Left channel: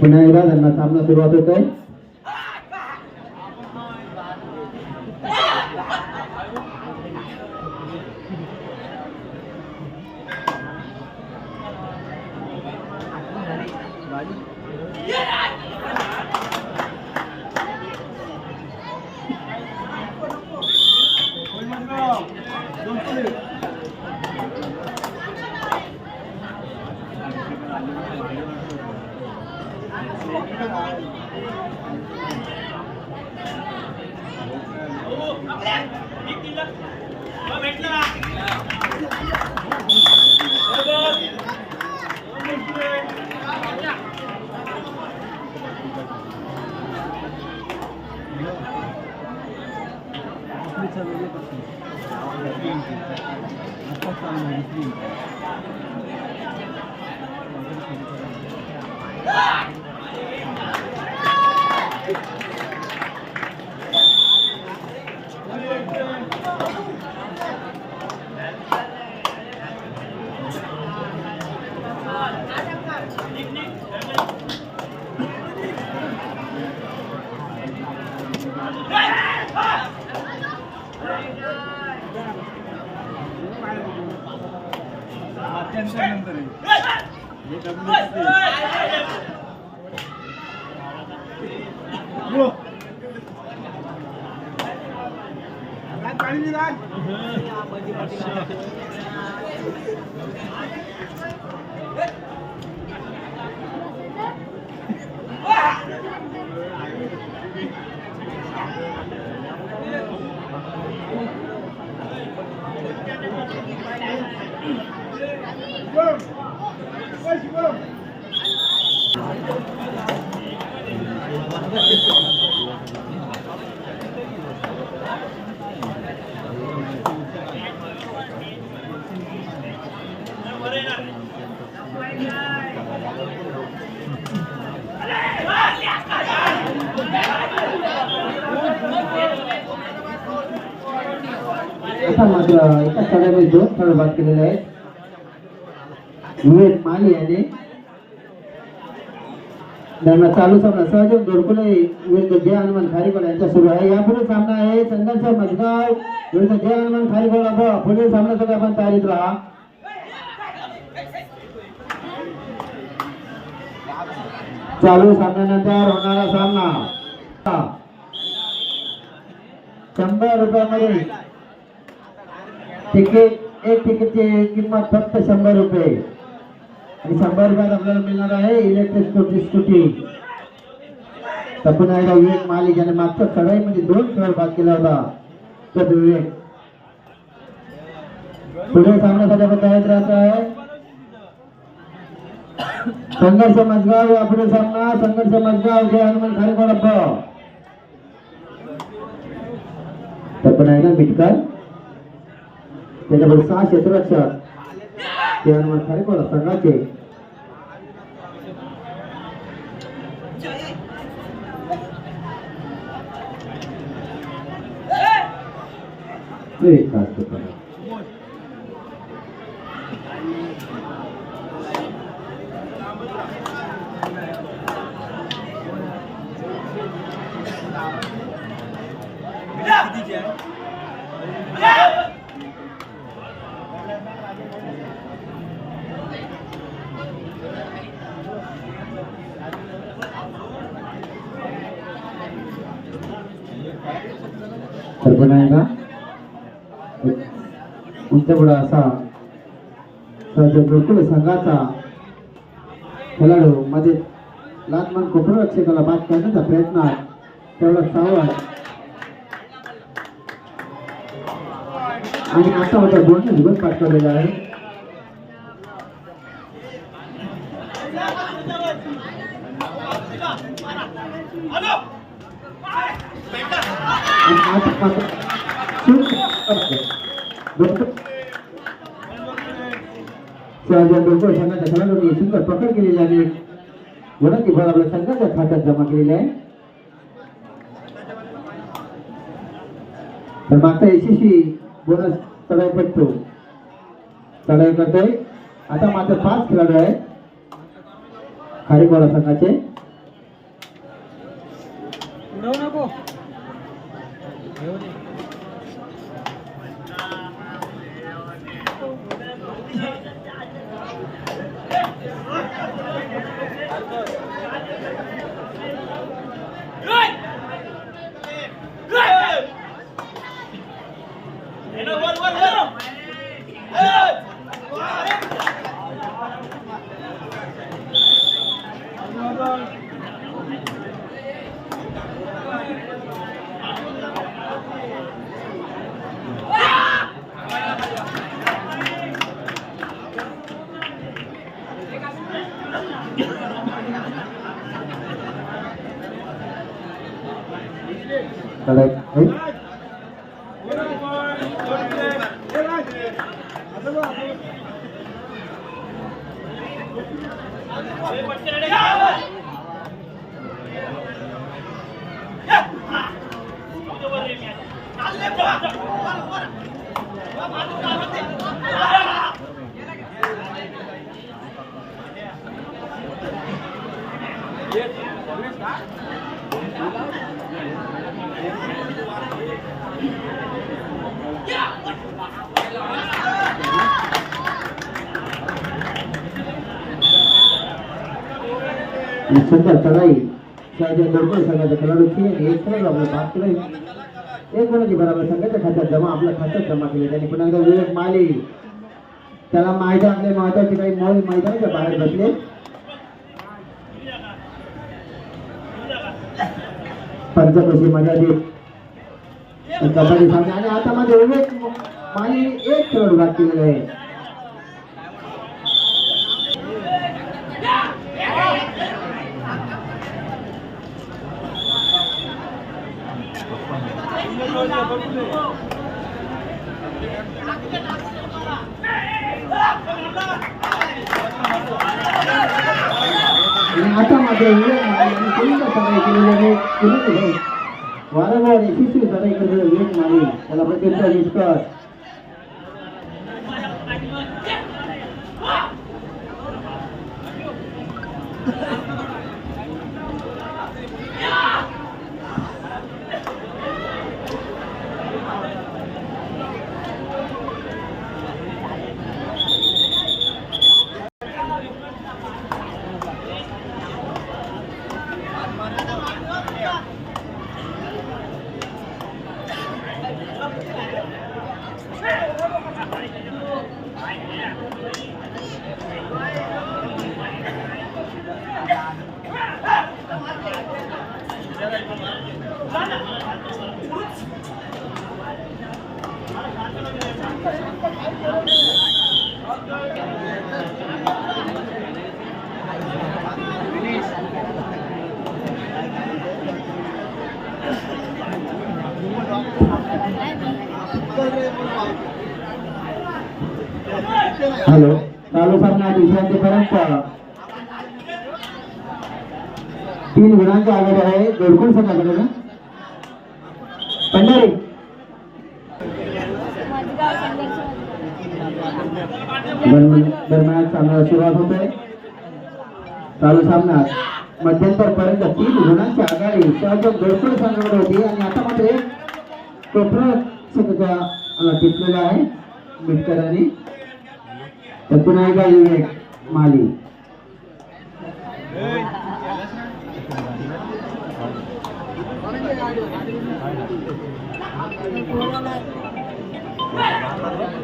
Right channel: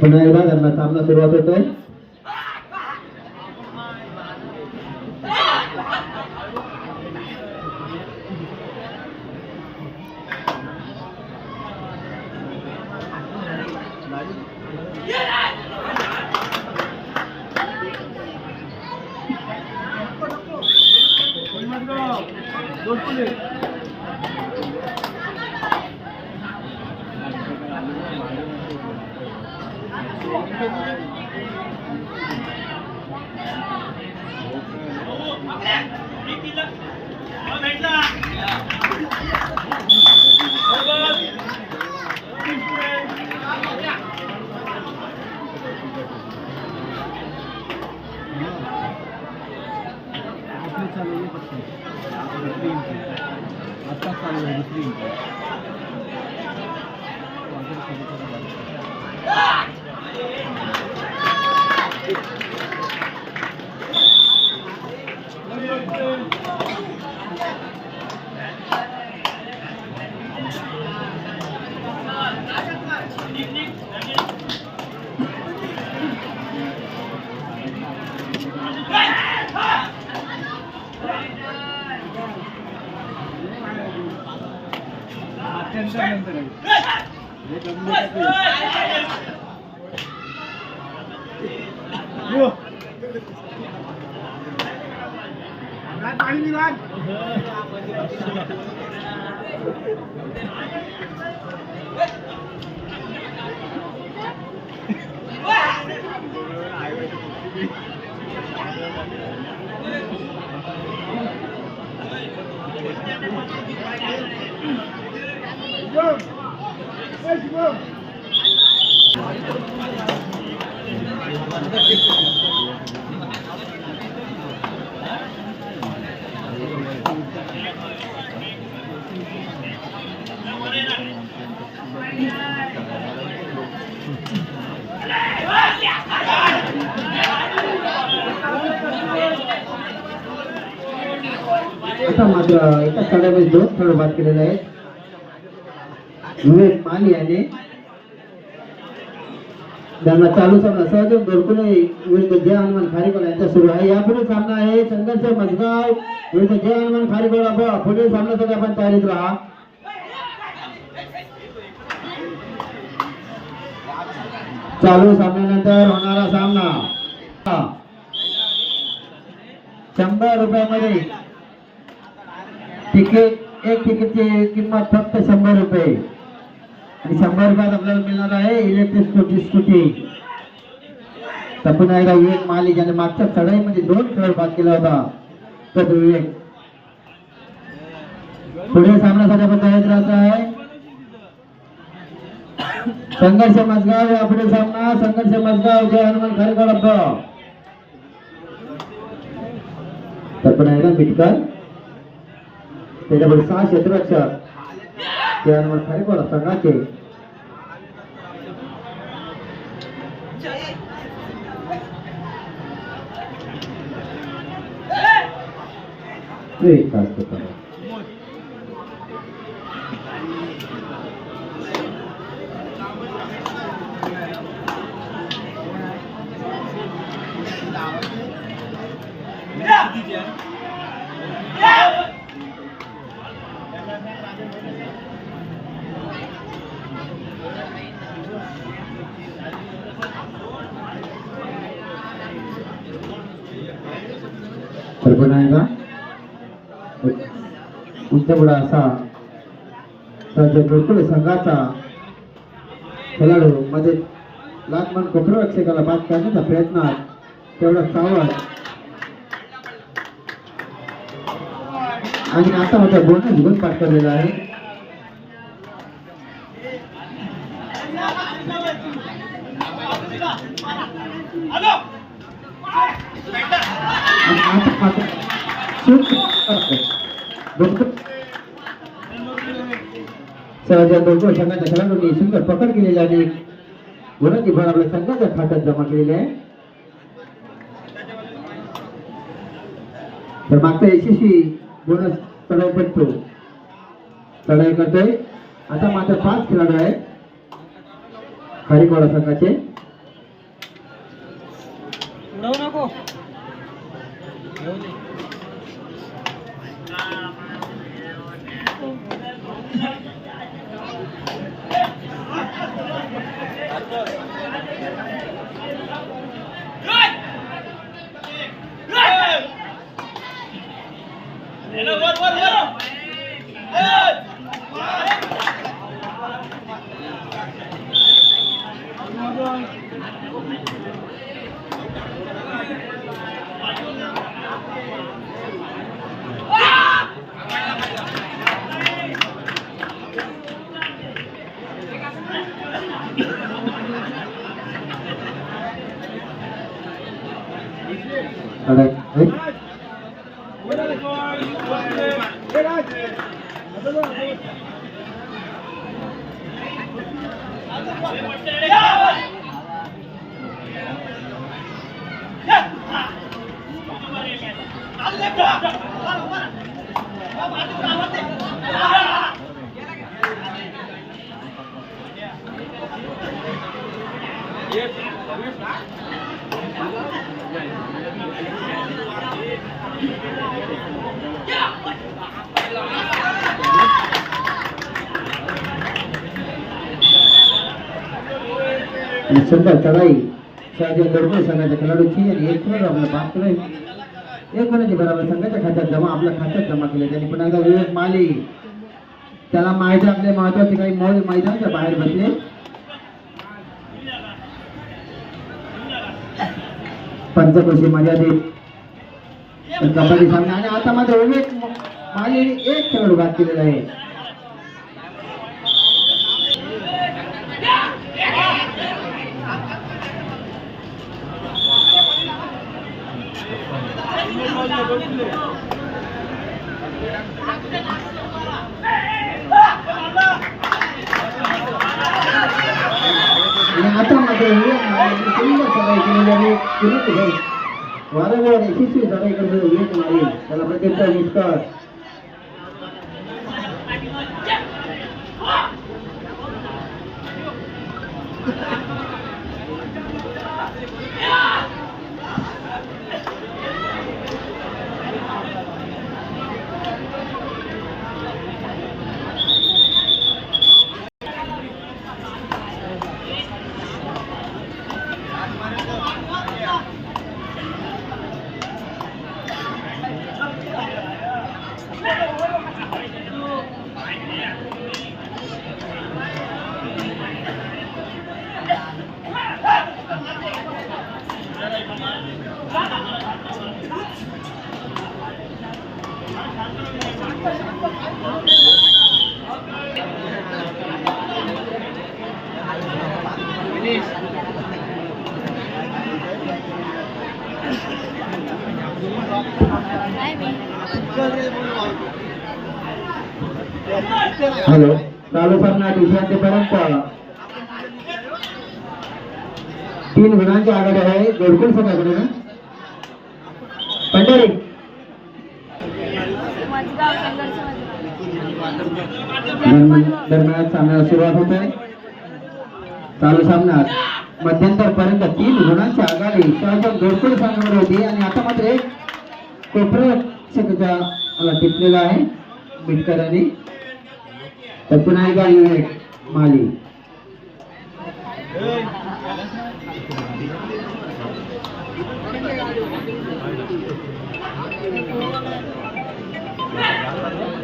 पुन्हा एकदा त्यांना सामना सुरुवात होतोय. एका चढामध्ये दोन फळ बाद केलेले आहेत. विवेक माली याने त्यांना चालू सामना सहदेव गोरकुले विरुद्ध जय हनुमान खारेकर यांचा सुरू आहे. यापुढे सामना आहे चंदनसाहेब मजगाव विरुद्ध जय हनुमान खारेकर. पुढील सामन्यासाठी आपण तयारीत राहा. चालू सामन्यानंतर होणारा सामना 100 रुपयामध्ये तिकीट एक तिकीटची किंमत फक्त 100 रुपये आणि 100 रुपयात आपल्याला मिळणार आहे इलेक्ट्रिक स्कूटी. तर पुन्हा एकदा विवेक माली ज्याने मागच्या चढाईमध्ये 2 खेळ बाद केला होता तर विवेक पुढे सामन्यासाठी आपण तयार राहत आहे. संघर्ष मजगाव या पुढे सामना संघर्ष मजगाव जय हनुमान खारेकोड. तर पुन्हा एकदा मिटकर त्याच्यापुढे 6 क्षेत्ररक्षक जय हनुमान खारेकोड संघाचे तर पुन्हा तुमच्याकडे असा गोकुळ संघाचा खेळाडू मध्ये लाटमन कोकण रक्षकाला बाद करण्याचा प्रयत्न तेवढा सावध आणि आता होता बोनस घेऊन पाठ केलेला आहे. संघाच्या खेळाडूंनी सुंदर पकड केलेली आणि गुणाची भर आपल्या संघाच्या खात्यात जमा केलेली आहे. तर मागचा यशस्वी बोनस चढाई पडतो चढाई करतोय. आता मात्र 5 खेळाडू आहेत खारीकोडा संघाचे. सुंदर चढाई संघाच्या खेळाडूची आणि एक गुणाची बरोबर संघाच्या खात्यात जमा आपल्या खात्यात जमा केले. त्यांनी पुन्हा एकदा विवेक माली त्याला मैदान आपले महत्वाचे काही मैदानाच्या बाहेर बसले. पंचकोशी मर्यादित कबड्डी सामना आणि आता मात्र विवेक माली एक खेळाडू बाद केलेला आहे. आता मात्र वारंवार यशस्वी चढाई करतो विवेक माली त्याला प्रत्येक निष्कर्ष हॅलो चालू सामना विश्रांतीपर्यंत 3 गुणांची आघाडी आहे गोलकुल संघाकडे ना पंढरी दरम्यान सामन्याला सुरुवात होत आहे चालू सामन्यात मध्यंतर पर्यंत 3 गुणांची आघाडी गोलकुल संघाकडे होती आणि आता मात्र एक टोपरक्षकाला टिपलेला आहे मिटकरांनी तर पुन्हा एकदा माली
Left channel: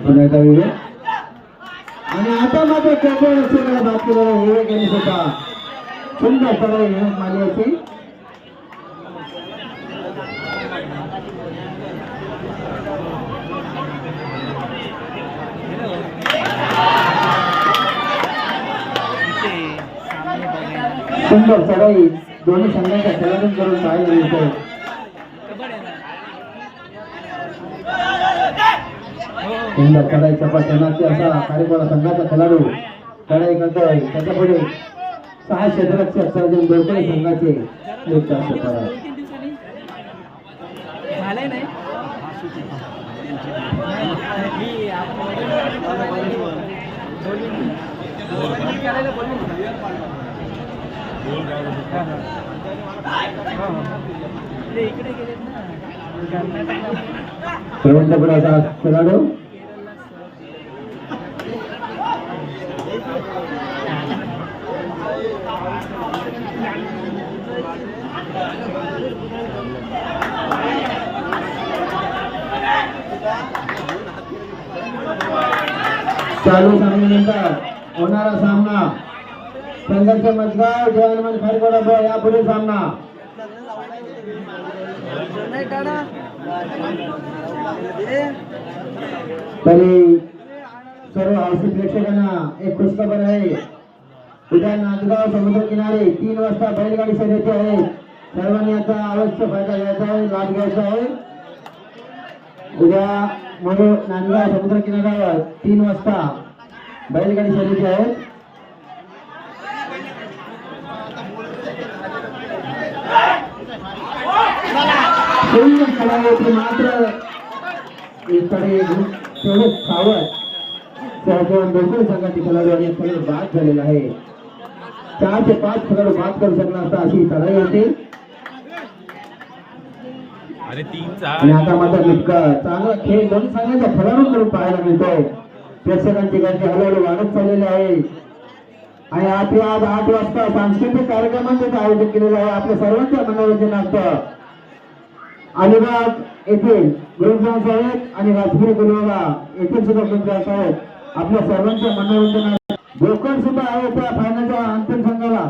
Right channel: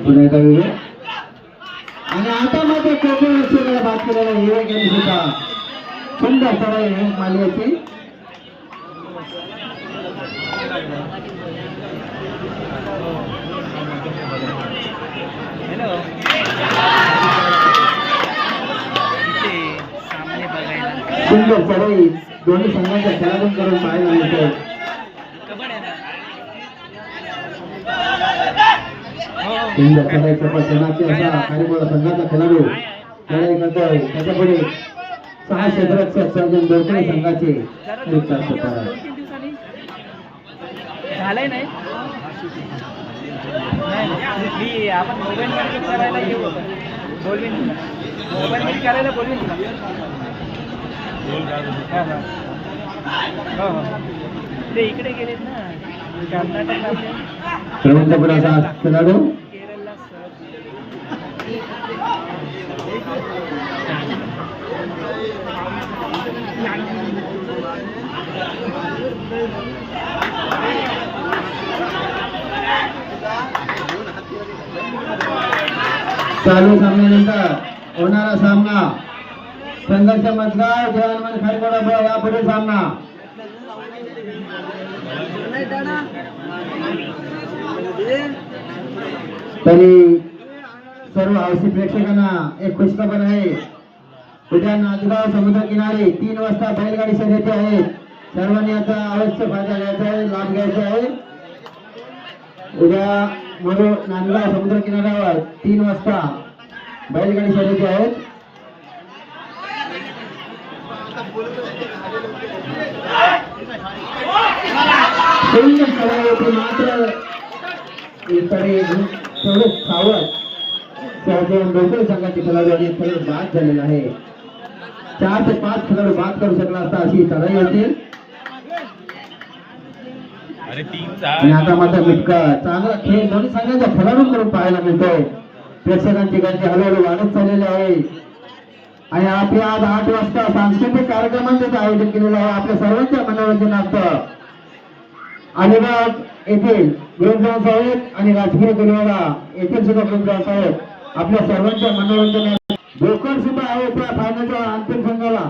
पुन्हा एकदा विवेक आणि आता मात्र टोपरक्षकाला बात केलेला विवेक यांनी सुद्धा सुंदर सवय माली याची सुंदर चढाई दोन्ही संघांच्या खेळाडूंकडून पाहायला मिळते सुंदर चढाई चपाचनाची असा कार्यक्रम संघाचा खेळाडू चढाई करतोय त्याच्यापुढे 6 क्षेत्ररक्षक सर्जन दोघे संघाचे झालंय नाही मी आपण मोबाईल मध्ये करायला येऊ बोलवीन तुला मोबाईल मध्ये करायला बोलवीन तुला ते इकडे गेलेत ना कर्नाटकला खेळाडू केरळला चालू सामन्यानंतर होणारा सामना संघर्ष मजगाव जवानमन खरगोडा या पुढील सामना तरी सर्व हौशी प्रेक्षकांना एक खुशखबर आहे उद्या नांदगाव समुद्र किनारे 3 वाजता बैलगाडी शर्यती आहे सर्वांनी याचा अवश्य फायदा घ्यायचा आहे लाभ घ्यायचा आहे उद्या नांदगाव समुद्र किनाऱ्यावर 3 वाजता बैलगाडी शर्यती आहेत मात्र तेवढे सावध दोघे संघाचे खेळाडू आणि बाद झालेला आहे 4 ते 5 खेळाडू बाद करू शकला असता अशी लढाई होती आणि आता मात्र मिटका चांगला खेळ दोन्ही संघाच्या खेळाडूंकडून पाहायला मिळतो प्रेक्षकांची गर्दी हळूहळू वाढत चाललेली आहे आणि आपल्या आज 8 वाजता सांस्कृतिक कार्यक्रमांचे आयोजन केलेलं आहे आपल्या सर्वांच्या मनोरंजनार्थ अलिबाग येथील गुरुग्राम साहेब आणि राजकीय गुरुवारा येथील सुद्धा गुरुग्राम साहेब आपल्या सर्वांच्या मनोरंजनात गोकर्ण सुद्धा आहे त्या फायनलच्या अंतिम संघाला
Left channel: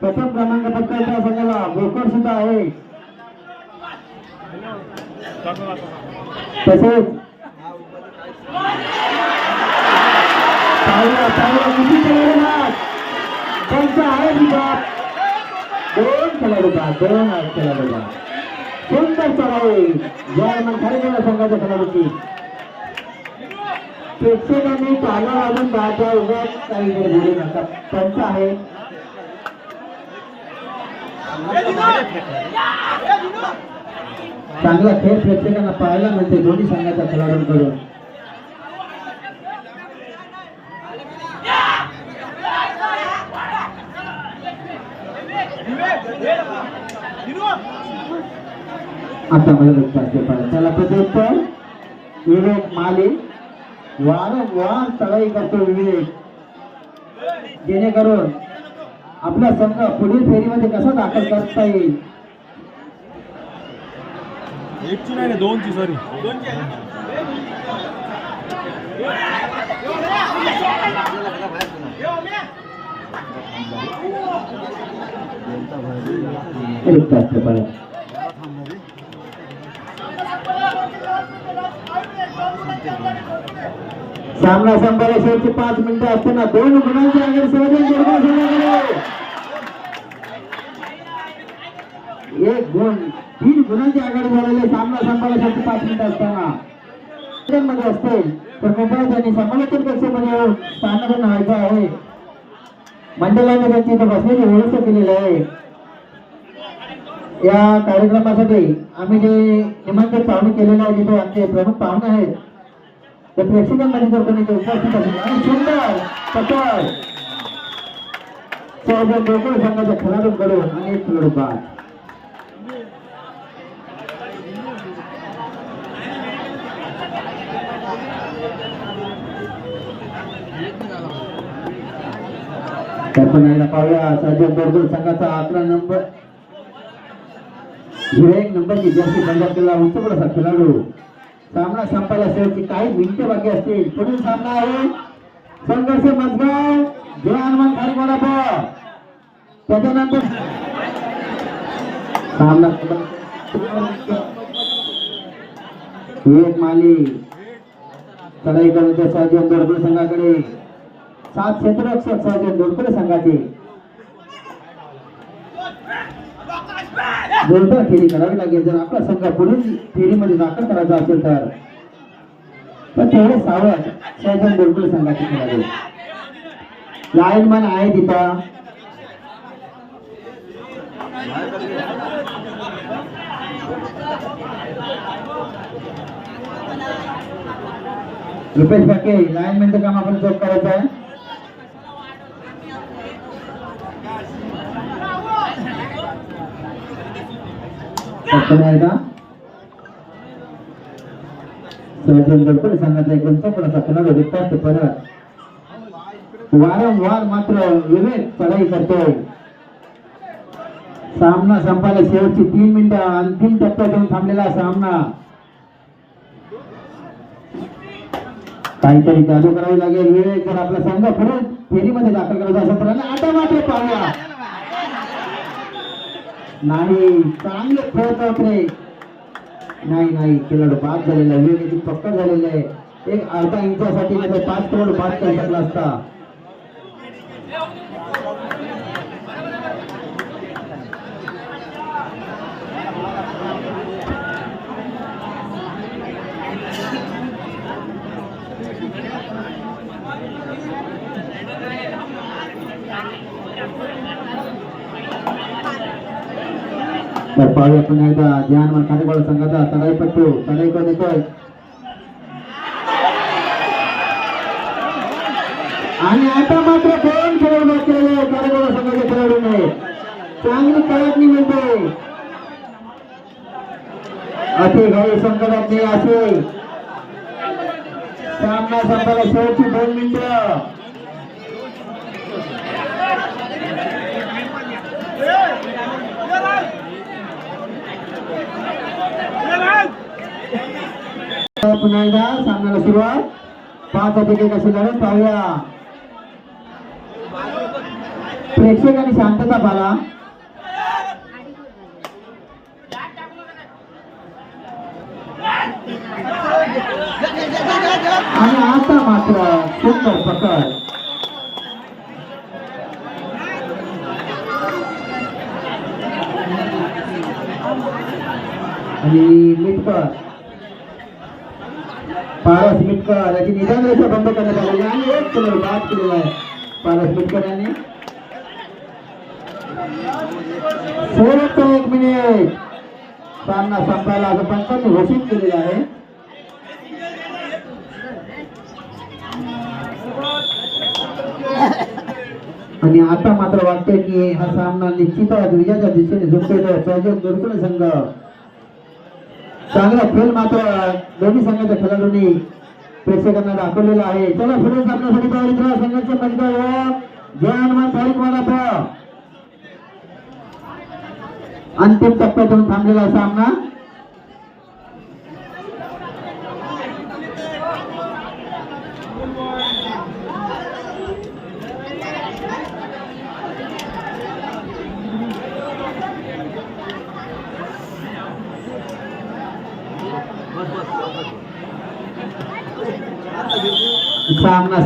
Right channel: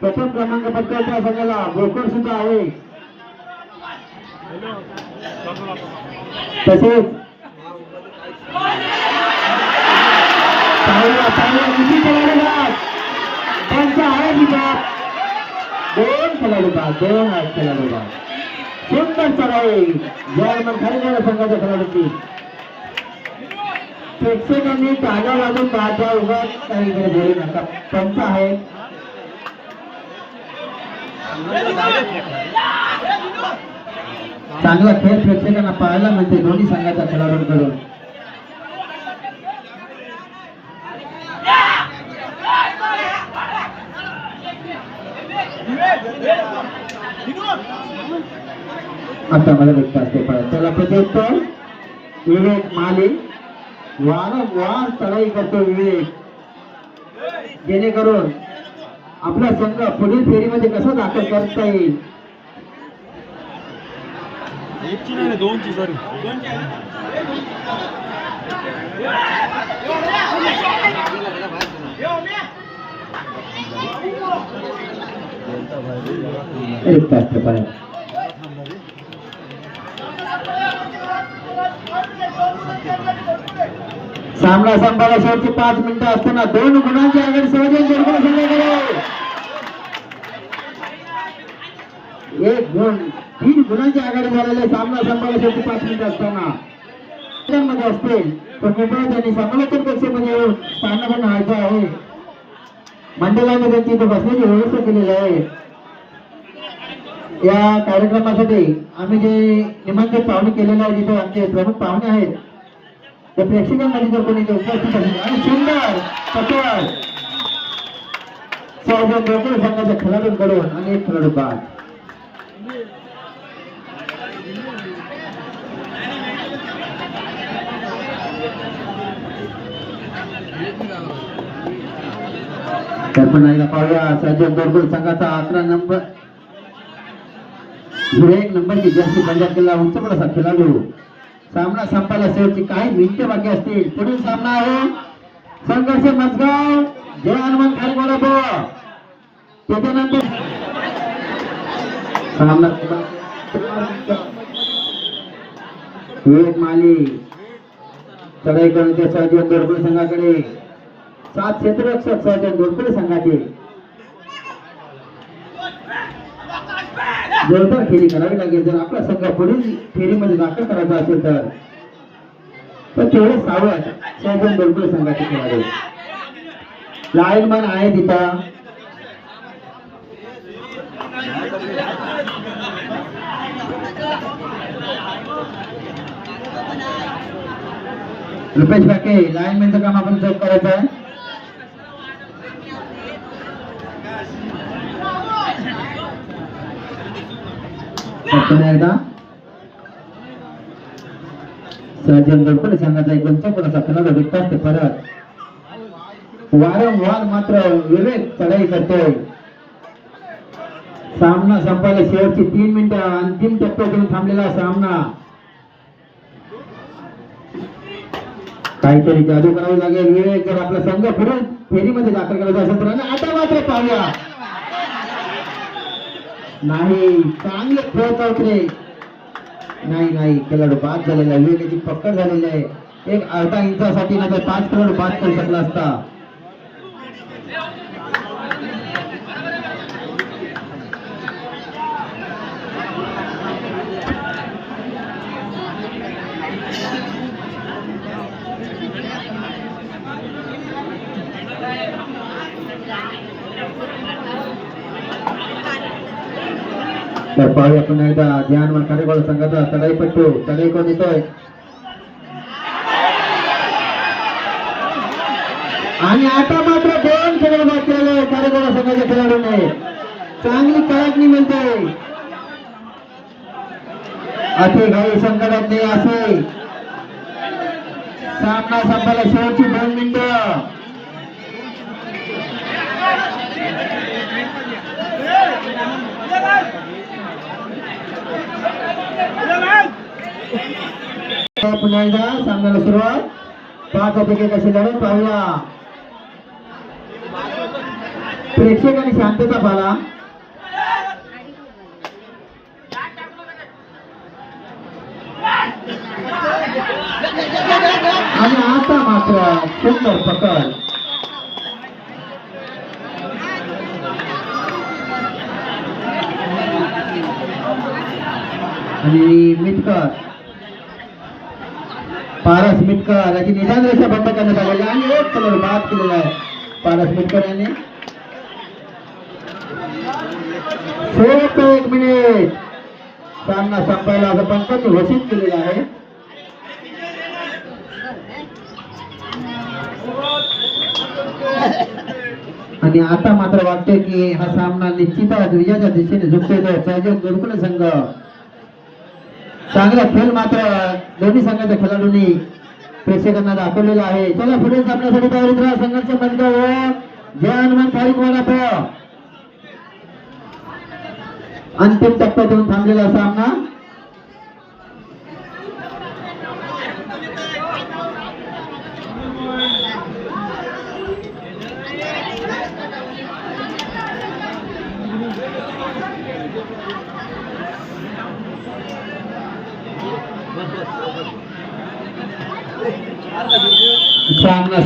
प्रथम क्रमांक पटकावच्या संघाला गोकर्ण सुद्धा आहे तसेच त्यांच्या आहे दोन खेळाडू सुंदर चढाई जयमन खरगोडा संघाच्या खेळाडूची प्रेक्षकांनी टाळ्या वाजून गाड्या उभ्या काही जोडी नका पंच आहे चांगला खेळ प्रेक्षकांना पाहायला मिळते दोन्ही संघाच्या खेळाडूंकडून आता मला व्यक्त असते त्याला प्रत्युत्तर विवेक माली वारंवार चढाई करतो विवेक जेणेकरून आपला संघ पुढील फेरीमध्ये कसा दाखल करता येईल एक तास सामना संपायला शेवटची 5 मिनिटं असताना 2 गुणांची आघाडी संघाकडे 1 गुण 3 गुणांची आघाडी झालेली सामना संपायला शेवटची 5 मिनिटं असताना मध्ये असतील तर कृपया त्यांनी समालोचन कक्षेमध्ये येऊन स्थानावर व्हायचं आहे. मंडळाने त्यांची इथे बसण्याची व्यवस्था केलेली आहे. या कार्यक्रमासाठी आम्ही जे निमंत्रित पाहुणे केलेले आहे, जिथे आमचे प्रमुख पाहुणे आहेत, त्या प्रेक्षकांमध्ये जर कोणी उपस्थित असेल आणि सुंदर पकड दोघे संघाच्या खेळाडूंकडून आणि एक खेळाडू बाद. तर पण एकदा पाहूया साजन बोरगुल संघाचा 11 नंबर 01 नंबरची जर्सी पंजाब केला उंच असा खेळाडू. सामना संपायला शेवटची काही मिनिटं बाकी असतील. पुढील सामना आहे संघर्ष मजगाव जय हनुमान खाली. त्याच्यानंतर सामना विवेक माली चढाई करून ते साजन बोरगुल संघाकडे 7 क्षेत्ररक्षक साजन बोरगुल संघाचे जोरदार फेरी करावी लागेल. जर आपला संघ पुढील फेरीमध्ये दाखल करायचा असेल तर तेवढे सावध साजन बोरगुल संघाचे खेळाडू. लाईनमॅन आहे तिथं. रुपेश बाके लाईनमॅनचं काम आपण चौक करायचं आहे. साजन बोरगुल संघाचा एक उंचपणाचा खेळाडू विकास ते परत वारंवार मात्र विवेक चढाई करतोय. सामना संपायला शेवटची 3 मिनिटं अंतिम टप्प्यात येऊन थांबलेला सामना. काहीतरी जादू करावी लागेल. विवेक जर आपला संघ पुढे फेरीमध्ये दाखल करायचा असेल तर आता मात्र पाहूया नाही चांगले खेळत होत रे. नाही खेळाडू बाद झालेला. विवेकाची पकड झालेली आहे. एक अर्धा इंचासाठी नाही तर 5 खेळाडू बाद करू शकला असता. तर पाहूया पुन्हा एकदा ध्यान कार्यक्रम संघाचा चढाईपट्टू चढाई करून येतोय आणि आता मात्र 2 खेळाडू बाद केलेले कार्यक्रम संघाच्या खेळाडूने. चांगली काळजी मिळते. अति घाई संकटातले असे सामना संपायला शेवटची 2 मिनिटं. पुन्हा एकदा सामन्याला सुरुवात. 5 अधिक कशी लढत पाहूया. प्रेक्षकांनी शांतता पाळा. आणि आता मात्र सुंदर पकड. आणि मिटकर पारस मिटकर याची निदान रेषा बंद करण्यात आलेली आणि एक कलर बाद केलेला आहे पारस मिटकर यांनी. शेवटचा 1 मिनिट सामना संपायला आता पंचांनी घोषित केलेला आहे. आणि आता मात्र वाटते की हा सामना निश्चितच विजयाच्या दिशेने झुकतोय. साजन बोरगुल संघ चांगला खेळ मात्र दोन्ही संघाच्या खेळाडूंनी प्रेक्षकांना दाखवलेला आहे. चला पुढे सामन्यासाठी तयारीत राहा. संघर्ष मजगाव जय हनुमान खाली. अंतिम टप्प्यात येऊन थांबलेला सामना. सामना